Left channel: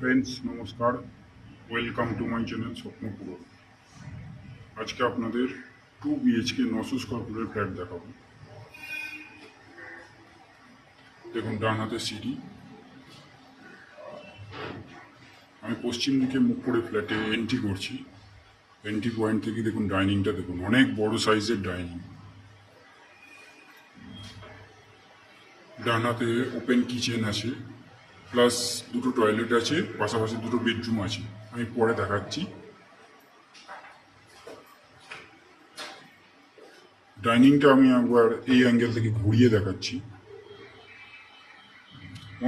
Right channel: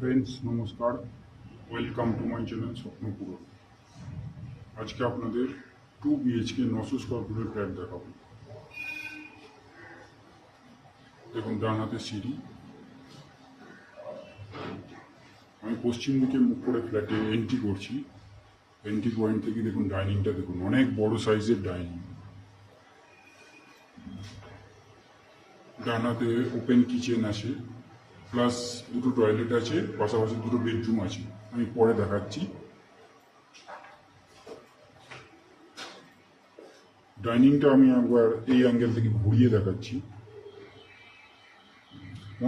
Friends নমস্কার, welcome to my channel স্বপ্নপূরণ। আজকে আপনাদের 2 BHK 900 স্কোয়ার ফুটের ফ্ল্যাট দেখাবো। দেখুন ডান হাতে সিঁড়ি, আমি পশ্চিম দিকে মুখ করে ফ্ল্যাটে এন্ট্রি করছি। এন্ট্রি পয়েন্ট থেকে দেখুন ডাইনিংটা, দেখুন অনেক বড় সাইজের ডাইনিং। ডান হাতে ওপেন কিচেন আছে, প্লাস দুটো টয়লেট আছে, পাশাপাশি দুটো বেডরুম আছে, আমি পরে দেখাচ্ছি। ডাইনিংটা আমি একবার এই অ্যাঙ্গেল থেকে ঘুরিয়ে দেখাচ্ছি।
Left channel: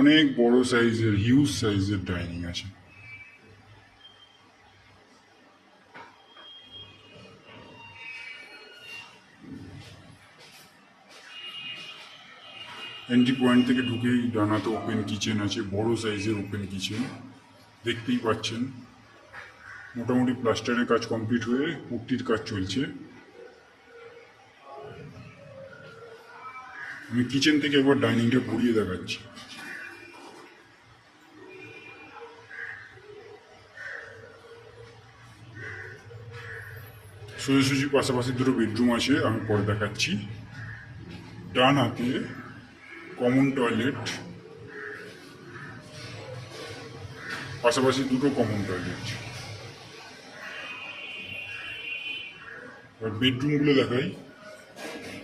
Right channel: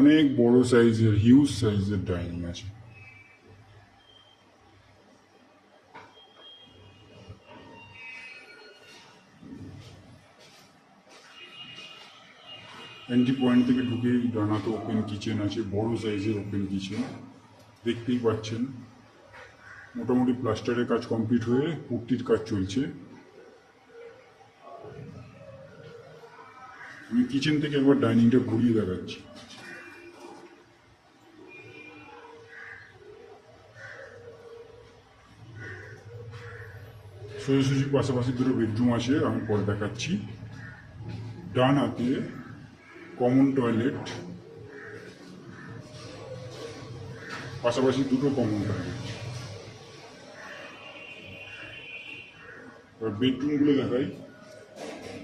অনেক বড় সাইজের, হিউজ সাইজের ডাইনিং আছে। এন্ট্রি পয়েন্ট থেকে ঢুকেই ডানাতে ওপেন কিচেন আছে, বড় সাইজের ওপেন কিচেন দেখতেই পাচ্ছেন। মোটামুটি প্লাস্টারের কাজ কমপ্লিট হয়ে পুট্টির কাজ চলছে। আমি কিচেন থেকে একবার ডাইনিংটা ঘুরিয়ে দেখাচ্ছি। সোজাসুজি পাশাপাশি দুটো বেডরুম আছে, আমি পরে দেখাচ্ছি। ডান হাতে কমন টয়লেট, পাশাপাশি দুটো কমন টয়লেট। এবার বেডরুমগুলো দেখাই,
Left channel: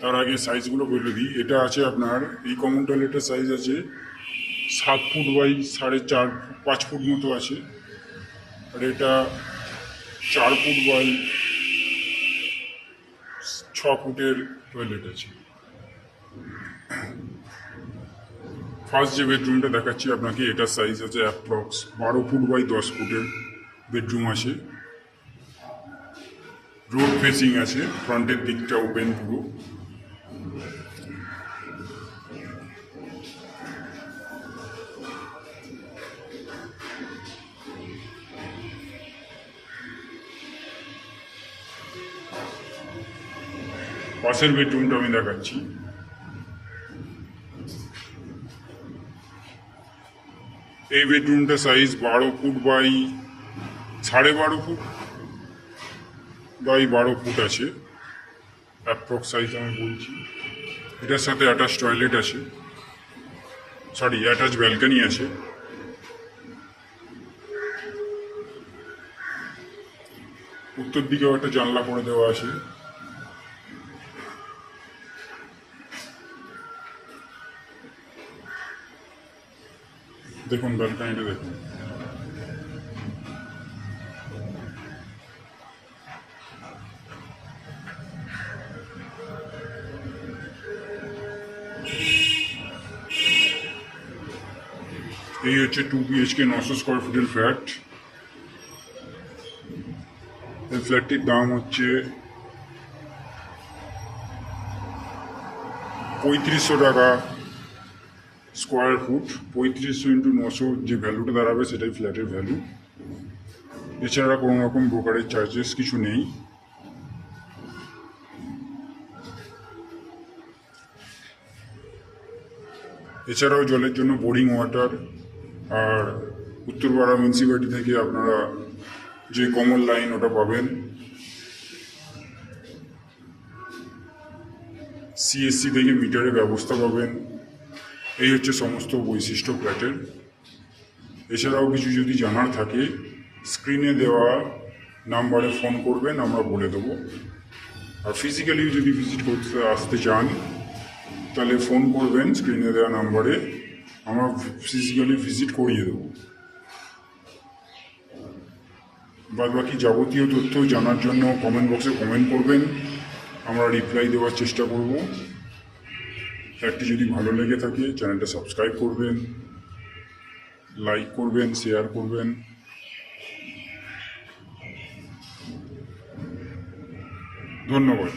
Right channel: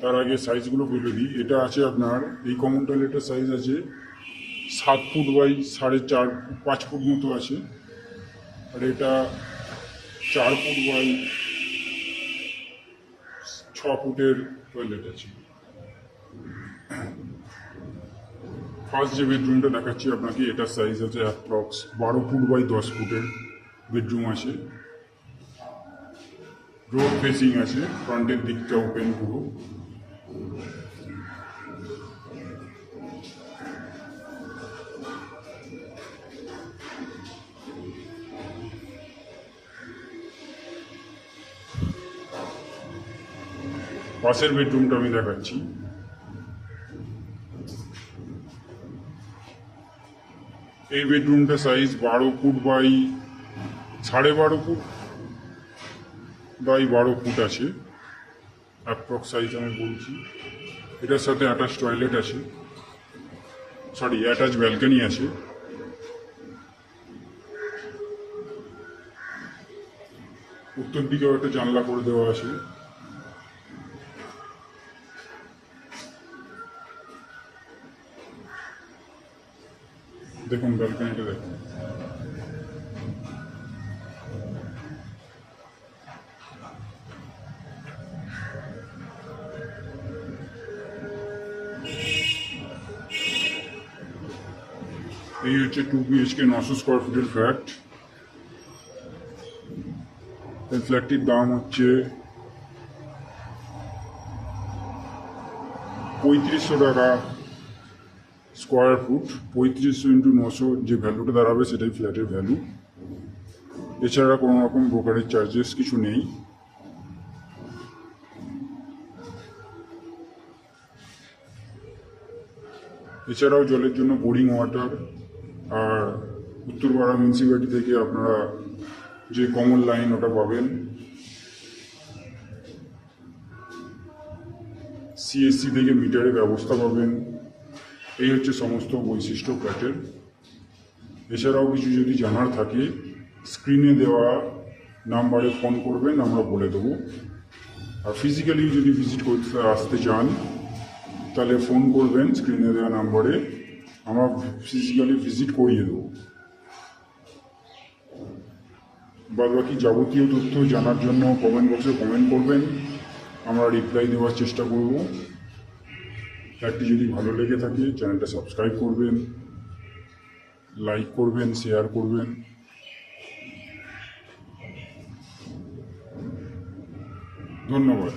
তার আগে সাইজগুলো বলে দিই। এটা আছে আপনার, এই কমন টয়লেটের সাইজ আছে 7 ফুট বাই 4.5 ফুট মতো আছে। আর এটা 4 ফুট বাই 6 ফুটের টয়লেট আছে। ফার্স্ট যে বেডরুমটা দেখাচ্ছি আপনাকে, এটার সাইজ আছে অ্যাপ্রক্স 12 ফুট বাই 10 ফুটের বেডরুম আছে। রোড ফেসিং আছে, ফ্রন্টের দিকটা ওপেন পুরো। পাশের বেডরুমটা আমি দেখাচ্ছি। এই বেডরুমটা size 12 foot by 12.5 foot by 12 foot আছে, অ্যাপ্রক্স সাইজ আমি বলছি। এটার সাথে অ্যাটাচ টয়লেট আছে, অ্যাটাচ ব্যালকনি আছে। উত্তর দিকেও একটা জানলা করে দেওয়া আছে। দেখুন ব্যালকনিটা দেখুন। এই হচ্ছে 2 BHK 900 স্কোয়ার ফুটের ফ্ল্যাট। এই ফ্ল্যাটটির দাম হচ্ছে 3500 টাকা স্কোয়ার ফুট। 3500 ইন্টু 900 যে ভ্যালুটা দাঁড়াবে সেটাই ফ্ল্যাটের ভ্যালু। এছাড়া কোনো রকম ব্রোকারেজ চার্জেস কিছু নেই। এছাড়াও জলের জন্য বোরিং ওয়াটার, আর উত্তরপাড়া মিউনিসিপ্যালিটি থেকে আপনারা যে কমন লাইন ওটা পাবেন। CSC থেকে মিটারের ব্যবস্থা পাবেন। এই হচ্ছে সমস্ত বৈশিষ্ট্য ফ্ল্যাটের। এছাড়াও কিছু যদি জানার থাকে স্ক্রিনে দেওয়া নাম্বারে ফোন করবেন, আমরা বলে দেবো। আর ফিজিক্যালি যদি ভিজিট করতে আসতে চান তাহলে ফোন করবেন স্ক্রিনে দেওয়া নাম্বারে, আমরা ফিজিক্যালি ভিজিট করিয়ে দেবো। বাদ বাকি যাবতীয় তথ্য জানার জন্য কমেন্ট বক্সে কমেন্ট করবেন, আমরা রিপ্লাই দেওয়ার চেষ্টা করব। ফ্ল্যাটটি যদি ভালো লেগে থাকে চ্যানেলটা সাবস্ক্রাইব করবেন, লাইক করবেন, শেয়ার করবেন। ধন্যবাদ।